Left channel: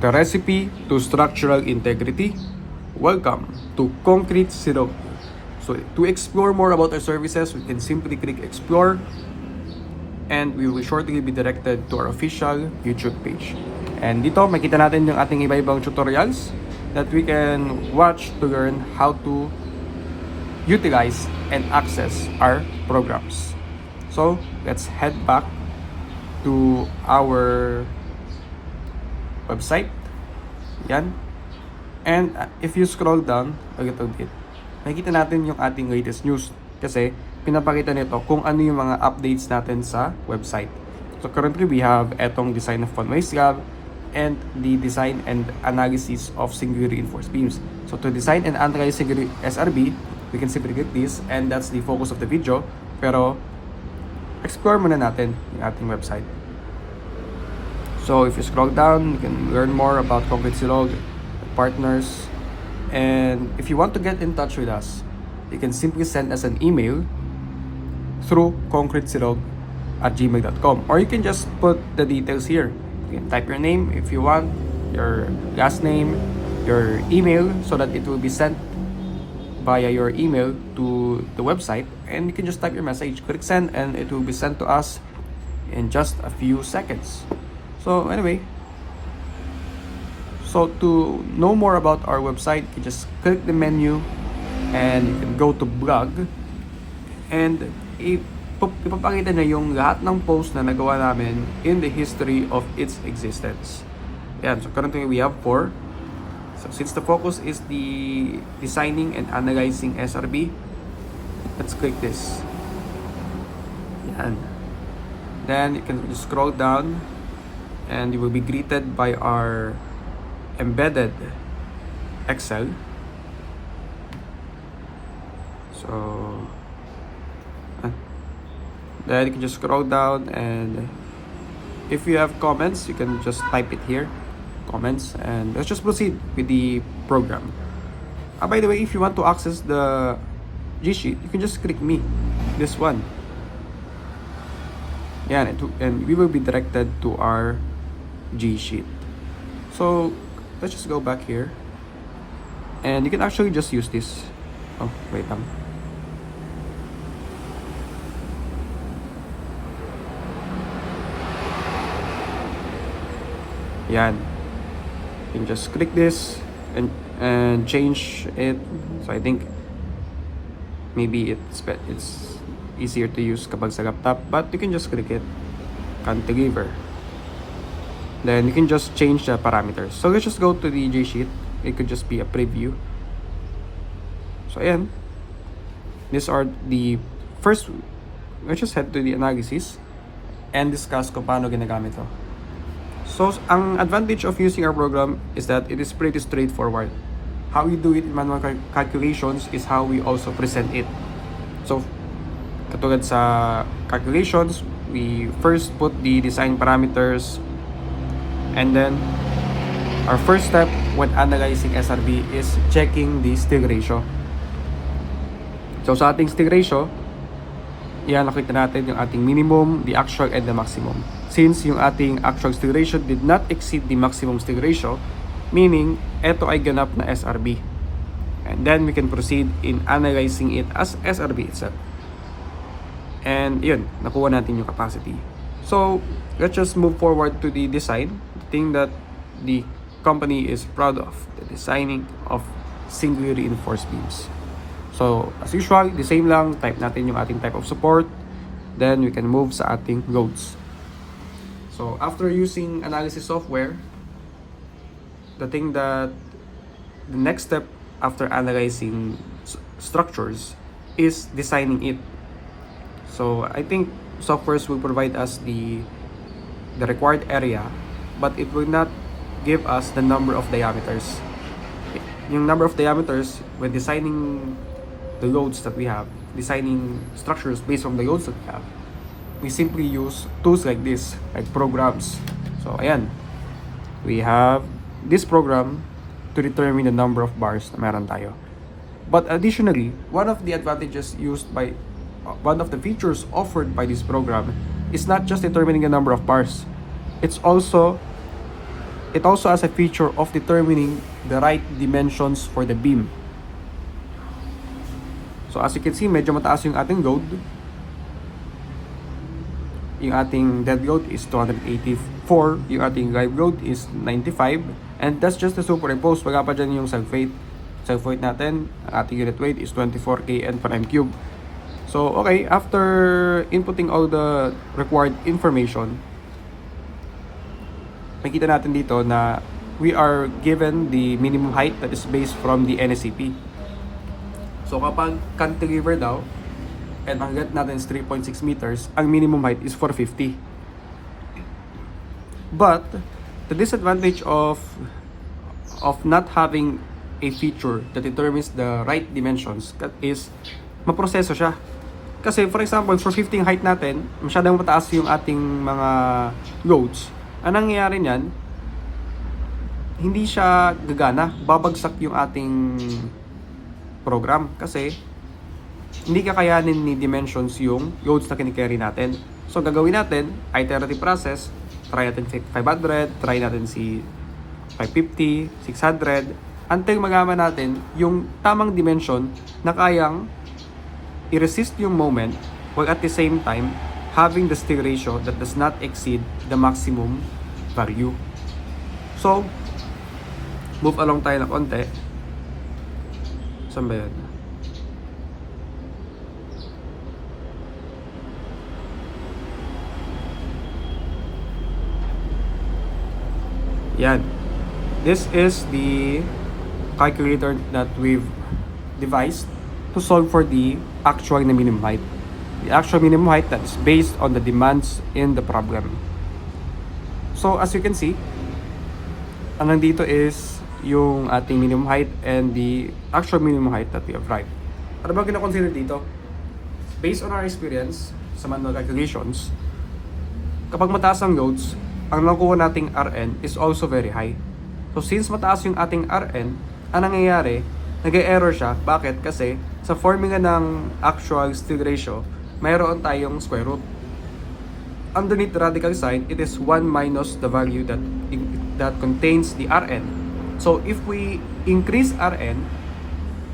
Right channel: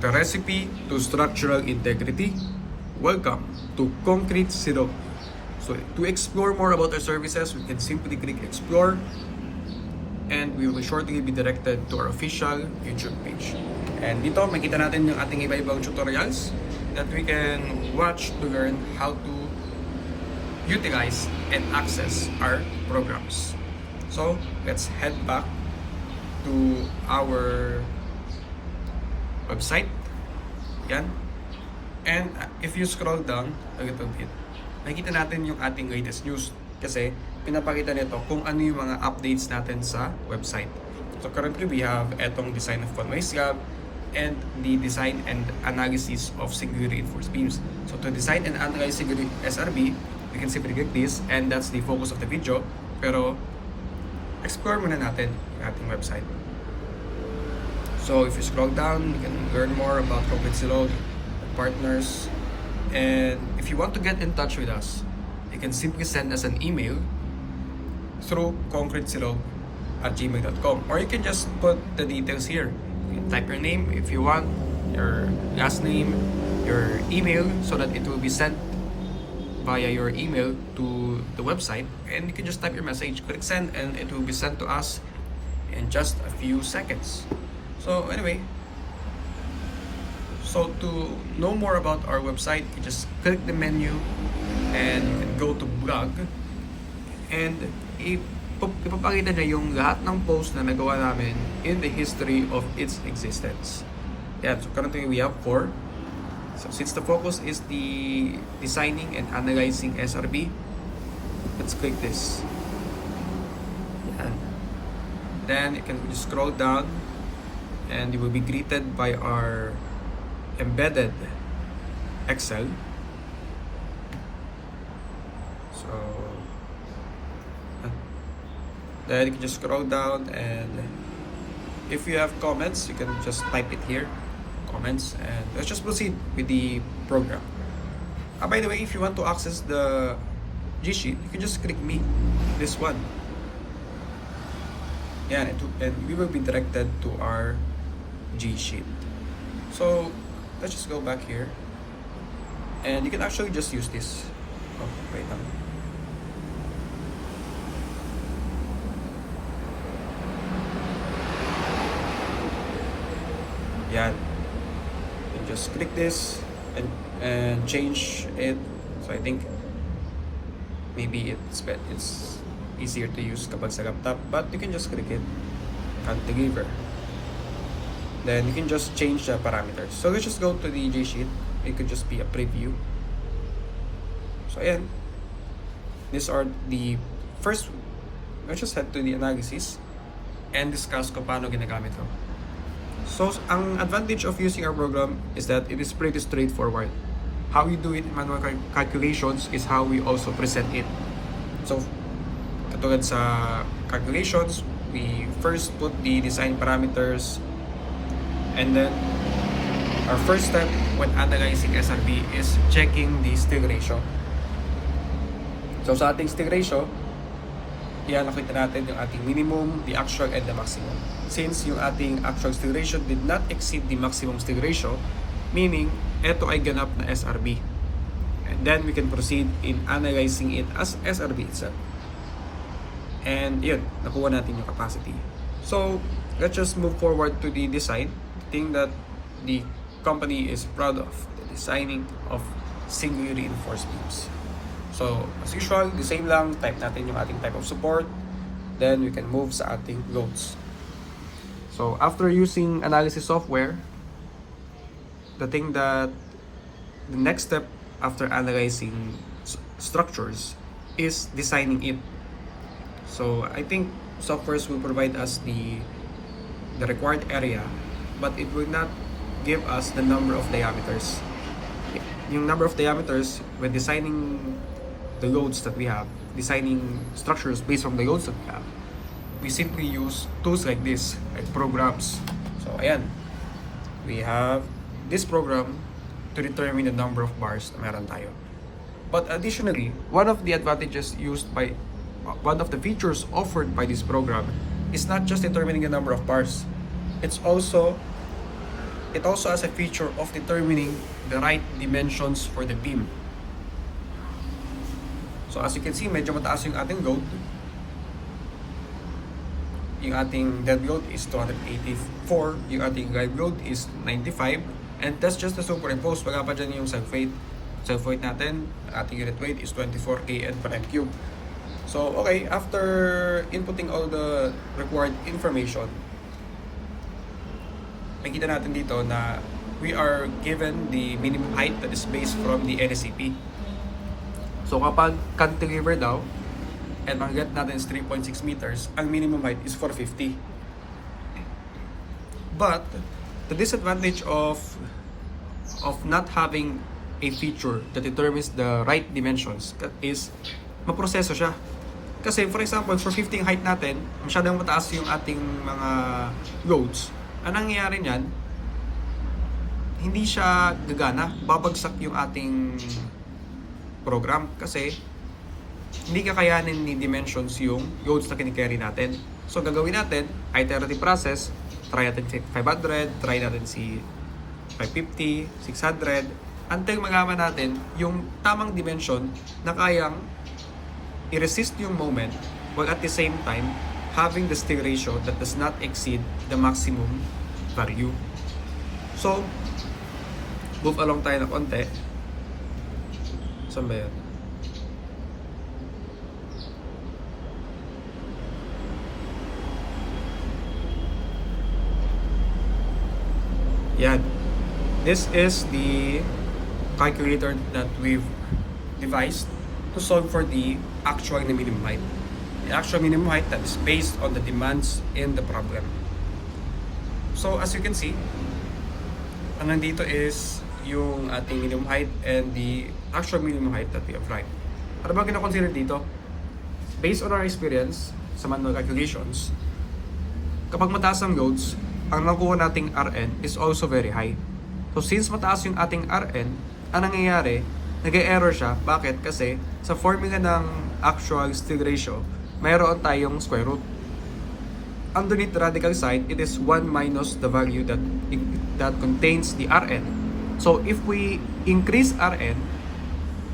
the recipe to structural integrity. Welcome to Concrete Silog. So to explore more about our services, we can simply click explore and we will shortly be directed to our official YouTube page. And dito makita natin yung ating iba-ibang tutorials that we can watch to learn how to utilize and access our programs. So let's head back to our website. Yan. And if you scroll down a little bit, nakikita natin yung ating latest news kasi pinapakita nito kung ano yung mga updates natin sa website. So currently we have etong design of convoys gap and the design and analysis of singularly reinforced beams. So to design and analyze singularly SRB, we can simply click this and that's the focus of the video. Pero explore muna natin yung ating website. So if you scroll down, you can learn more about Concrete Silog, partners, and if you want to get in touch with us, you can simply send us an email through concretesilog@gmail.com, or you can just put the details here. You can type your name if you want, your last name, your email, so that it will be sent via your email to the website, and you can just type your message, click send, and it will be sent to us in just a few seconds. So anyway, so to know more about our website, you just click the menu and you can go to blog, and ipapakita na yung lahat ng posts na nagawa namin in the history of its existence. Yan, so currently we have 4. So since the focus is the designing and analyzing SRB, let's click this. Yan. Then you can scroll down and you will be greeted by our embedded Excel. So then you can just scroll down, and if you have comments, you can just type it here, comments, and let's just proceed with the program. By the way, if you want to access the G sheet, you can just click me, this one. Yeah, and we will be directed to our G sheet. So let's just go back here, and you can actually just use this. Oh, wait lang. Yan. You can just click this and change it. So I think maybe it's easier to use kapag sa laptop, but you can just click it, configure. Then you can just change the parameters. So let's just go to the J sheet. It could just be a preview. So ayan, these are the first. Let's just head to the analysis and discuss kung paano ginagamit ito. So ang advantage of using our program is that it is pretty straightforward. How we do it in manual calculations is how we also present it. So katulad sa calculations, we first put the design parameters, and then our first step when analyzing SRB is checking the steel ratio. So sa ating steel ratio, yan, nakita natin yung ating minimum, the actual, and the maximum. Since yung ating actual steel ratio did not exceed the maximum steel ratio, meaning ito ay ganap na SRB. And then we can proceed in analyzing it as SRB itself. And yun, nakuha natin yung capacity. So let's just move forward to the design. The thing that the company is proud of, the designing of singularly reinforced beams. So as usual, the same lang, type natin yung ating type of support, then we can move sa ating loads. So after using analysis software, the next step after analyzing structures is designing it. So I think softwares will provide us the required area, but it will not give us the number of diameters. Yung number of diameters, when designing the loads that we have, designing structures based on the loads that we have, we simply use tools like this, like programs. So ayan, we have this program to determine the number of bars na meron tayo. But additionally, one of the features offered by this program is not just determining the number of bars. It's also it also has a feature of determining the right dimensions for the beam. So as you can see, medyo mataas yung ating load. Yung ating dead load is 284, yung ating live load is 95, and that's just the superimpose. Wala pa dyan yung self-weight. Self-weight natin, ating unit weight is 24 kN per m3. So okay, after inputting all the required information, makita natin dito na we are given the minimum height that is based from the NSCP. So kapag cantilever daw, and ang get natin is 3.6 meters, ang minimum height is 450. But the disadvantage of not having a feature that determines the right dimensions is maproseso siya. Kasi for example, for 15 height natin, masyadong mataas yung ating mga loads. Ang nangyayari niyan, hindi siya gagana, babagsak yung ating program kasi hindi kakayanin ni dimensions yung loads na kinikerry natin. So gagawin natin, iterative process, try natin 500, try natin si 550, 600, until magawa natin yung tamang dimension na kayang i-resist yung moment while at the same time having the still ratio that does not exceed the maximum value. So, move along tayo na konti. Saan ba yun? Yan. This is the calculator that we've devised to solve for the actual na minimum height. The actual minimum height that's based on the demands in the problem. So as you can see, ang nandito is yung ating minimum height and the actual minimum height that we have right. Ano ba kina-consider dito? Based on our experience sa manual calculations, kapag mataas ang loads, ang nakuha nating Rn is also very high. So since mataas yung ating Rn, ang nangyayari, nag-error siya. Bakit? Kasi sa formula ng actual still ratio, mayroon tayong square root. Underneath the radical sign, it is 1 minus the value that contains the Rn. So if we increase Rn,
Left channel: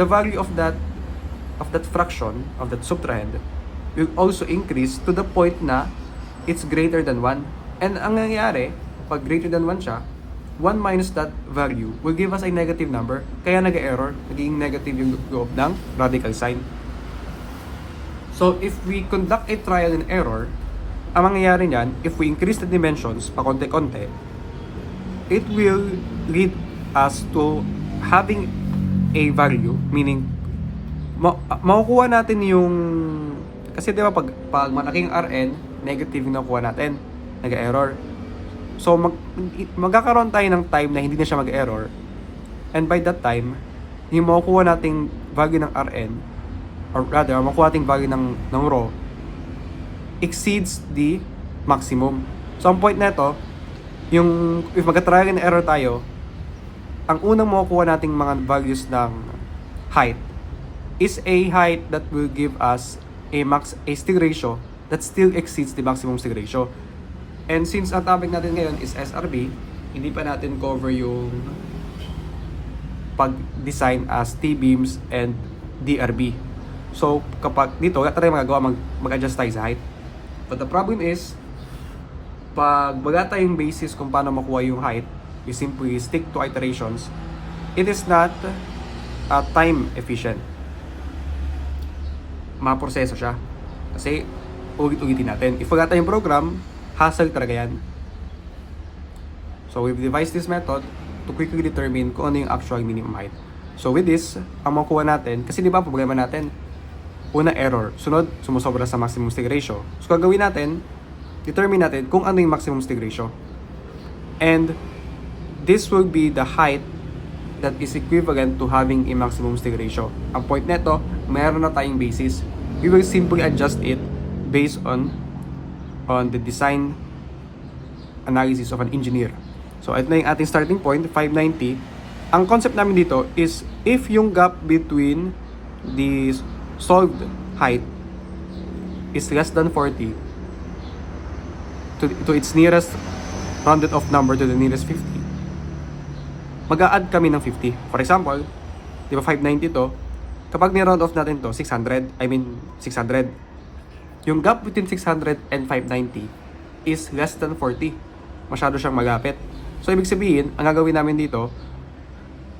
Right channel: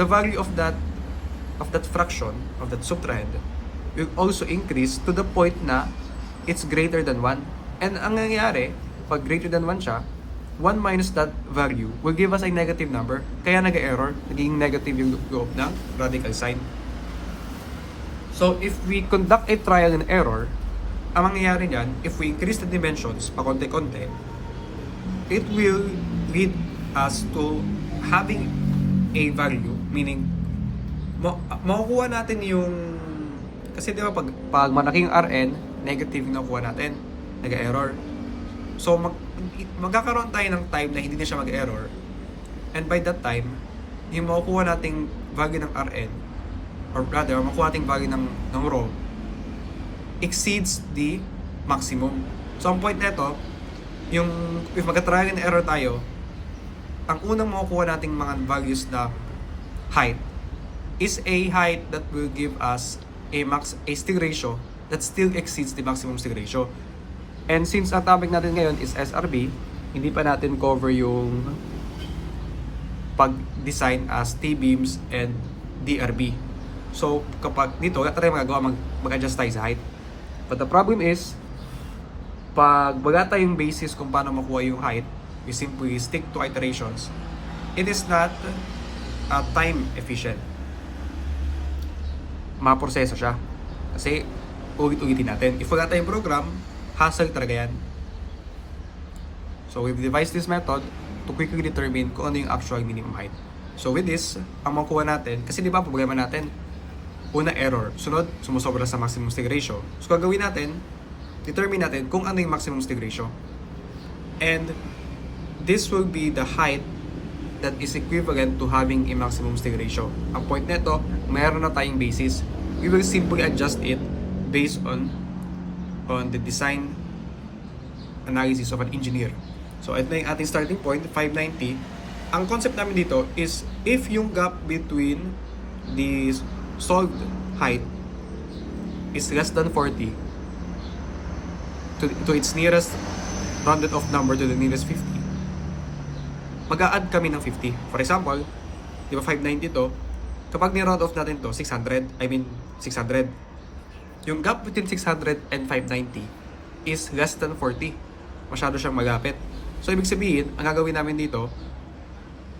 the value of that fraction, of that subtrahend, will also increase to the point na it's greater than 1. And ang nangyayari, pag greater than 1 siya, 1 minus that value will give us a negative number. Kaya nag-error, naging negative yung loob ng radical sign. So if we conduct a trial and error, ang mangyayari niyan, if we increase the dimensions pa konti-konti, it will lead us to having a value, meaning makukuha natin yung, kasi di ba pag malaking Rn, negative yung nakuha natin, nag-error. So magkakaroon tayo ng time na hindi na siya mag-error, and by that time, yung makukuha nating value ng Rn, or rather, makukuha nating value ng rho, exceeds the maximum. So ang point na ito, yung if mag-trial and error tayo, ang unang makukuha nating mga values ng height is a height that will give us a still ratio that still exceeds the maximum still ratio. And since ang topic natin ngayon is SRB, hindi pa natin cover yung pag-design as T-beams and DRB. So kapag dito, wala tayo magagawa, mag-adjust tayo sa height. But the problem is, pag wala tayong basis kung paano makuha yung height, we simply stick to iterations, it is not time efficient. Maproseso siya. Kasi ulit-ulitin natin. If wala tayong program, hassle talaga yan. So we've devised this method to quickly determine kung ano yung actual minimum height. So with this, ang makuha natin, kasi di ba problema natin, una error, sunod sumusobra sa maximum stick ratio. So gagawin natin, determine natin kung ano yung maximum stick ratio. And this will be the height that is equivalent to having a maximum stick ratio. Ang point neto, mayroon na tayong basis. We will simply adjust it based on the design analysis of an engineer. So ito na yung ating starting point, 590. Ang concept namin dito is if yung gap between the solved height is less than 40 to its nearest rounded off number to the nearest 50, mag-a-add kami ng 50. For example, di ba 590 to? Kapag ni-round off natin to, 600. Yung gap between 600 and 590 is less than 40. Masyado siyang malapit. So, ibig sabihin, ang gagawin namin dito,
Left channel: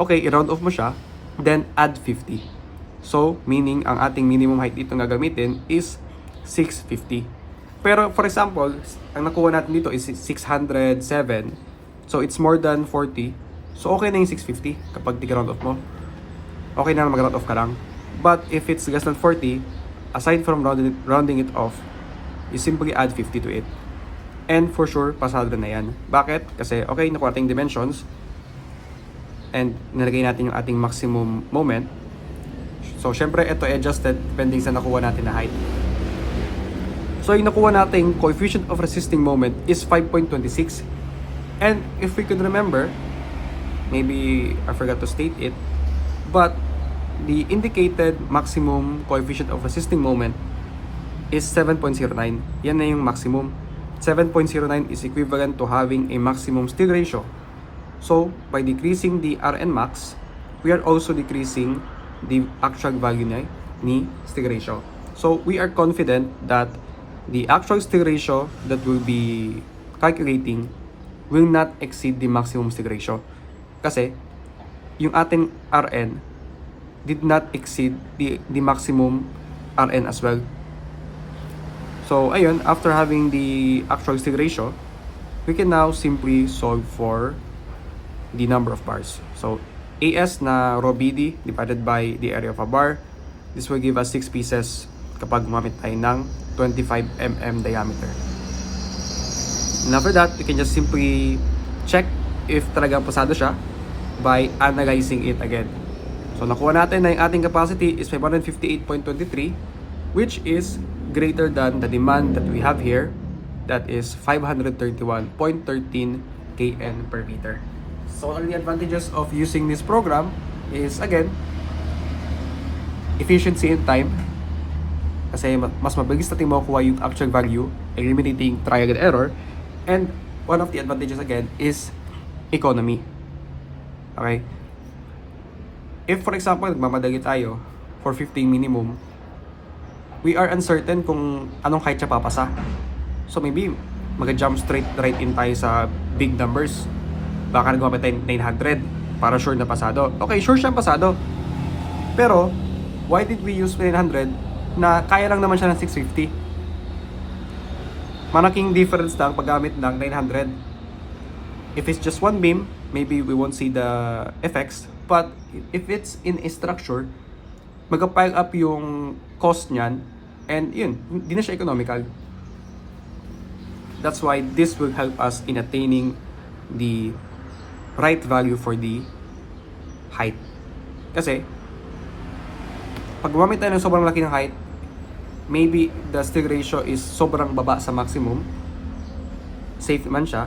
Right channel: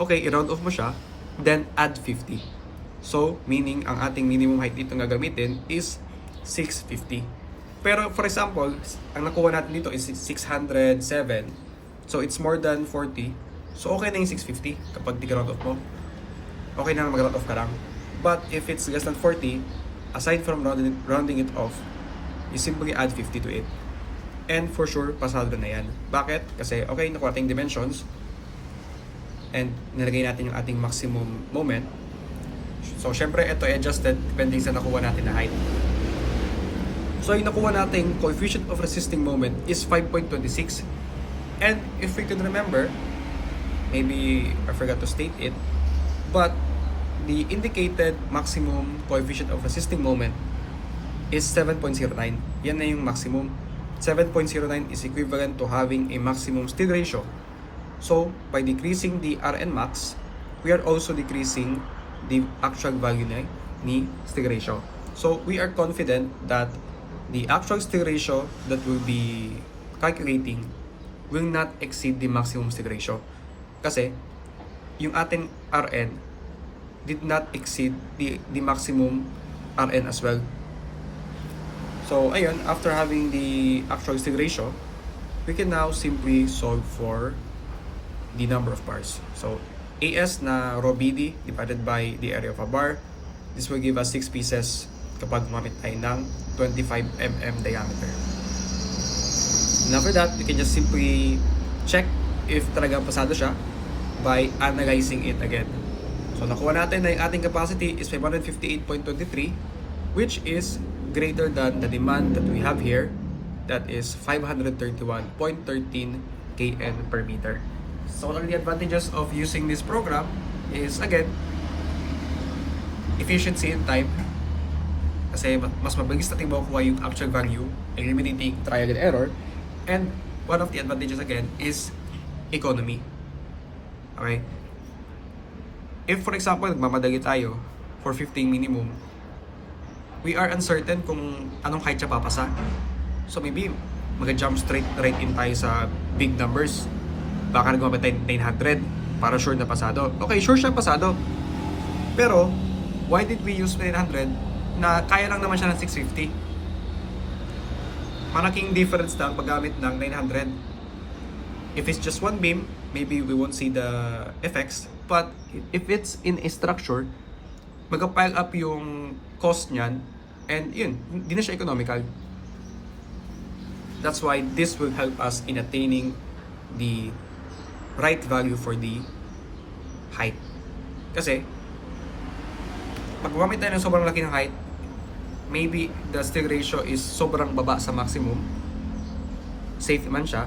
okay, i-round off mo siya, then add 50. So, meaning, ang ating minimum height dito na gagamitin is 650. Pero, for example, ang nakuha natin dito is 607. So, it's more than 40. So, okay na yung 650 kapag di-round off mo. Okay na mag-round off ka lang. But, if it's less than 40, aside from rounding it off, you simply add 50 to it. And for sure, pasado na yan. Bakit? Kasi, okay, nakuha natin dimensions. And nilagay natin yung ating maximum moment. So, syempre, ito adjusted depending sa nakuha natin na height. So, yung nakuha natin coefficient of resisting moment is 5.26. And if we could remember, maybe I forgot to state it, but the indicated maximum coefficient of resisting moment is 7.09. Yan na yung maximum. 7.09 is equivalent to having a maximum steel ratio. So, by decreasing the Rn max, we are also decreasing the actual value ni steel ratio. So, we are confident that the actual steel ratio that we'll be calculating will not exceed the maximum steel ratio. Kasi, yung ating Rn did not exceed the maximum Rn as well. So, ayun, after having the actual steel ratio, we can now simply solve for the number of bars. So, AS na raw BD divided by the area of a bar. This will give us 6 pieces kapag gumamit tayo ng 25 mm diameter. And after that, we can just simply check if talagang pasado siya by analyzing it again. So, nakuha natin na yung ating capacity is 558.23, which is greater than the demand that we have here, that is 531.13 kN per meter. So, one of the advantages of using this program is, again, efficiency in time. Kasi mas mabilis natin makukuha yung actual value, eliminating trial and error. And one of the advantages, again, is economy. Okay? If, for example, nagmamadali tayo for 15 minimum, we are uncertain kung anong height siya papasa. So maybe mag-jump straight right in tayo sa big numbers. Baka nagmamit tayo 900 para sure na pasado. Okay, sure siya pasado. Pero, why did we use 900 na kaya lang naman siya ng 650? Malaking difference lang paggamit ng 900. If it's just one beam, maybe we won't see the effects. But if it's in a structure, mag-pile up yung cost niyan, and yun, hindi na siya economical. That's why this will help us in attaining the right value for the height. Kasi, pag gumamit tayo ng sobrang laki ng height, maybe the steel ratio is sobrang baba sa maximum, safe man siya,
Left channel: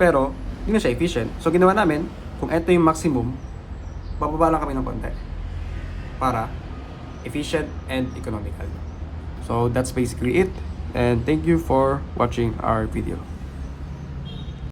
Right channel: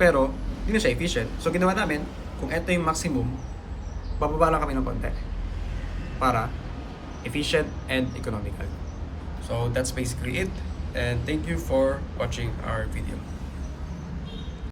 pero hindi na siya efficient. So, ginawa namin, kung ito yung maximum, bababa lang kami ng konti para efficient and economical. So that's basically it, and thank you for watching our video.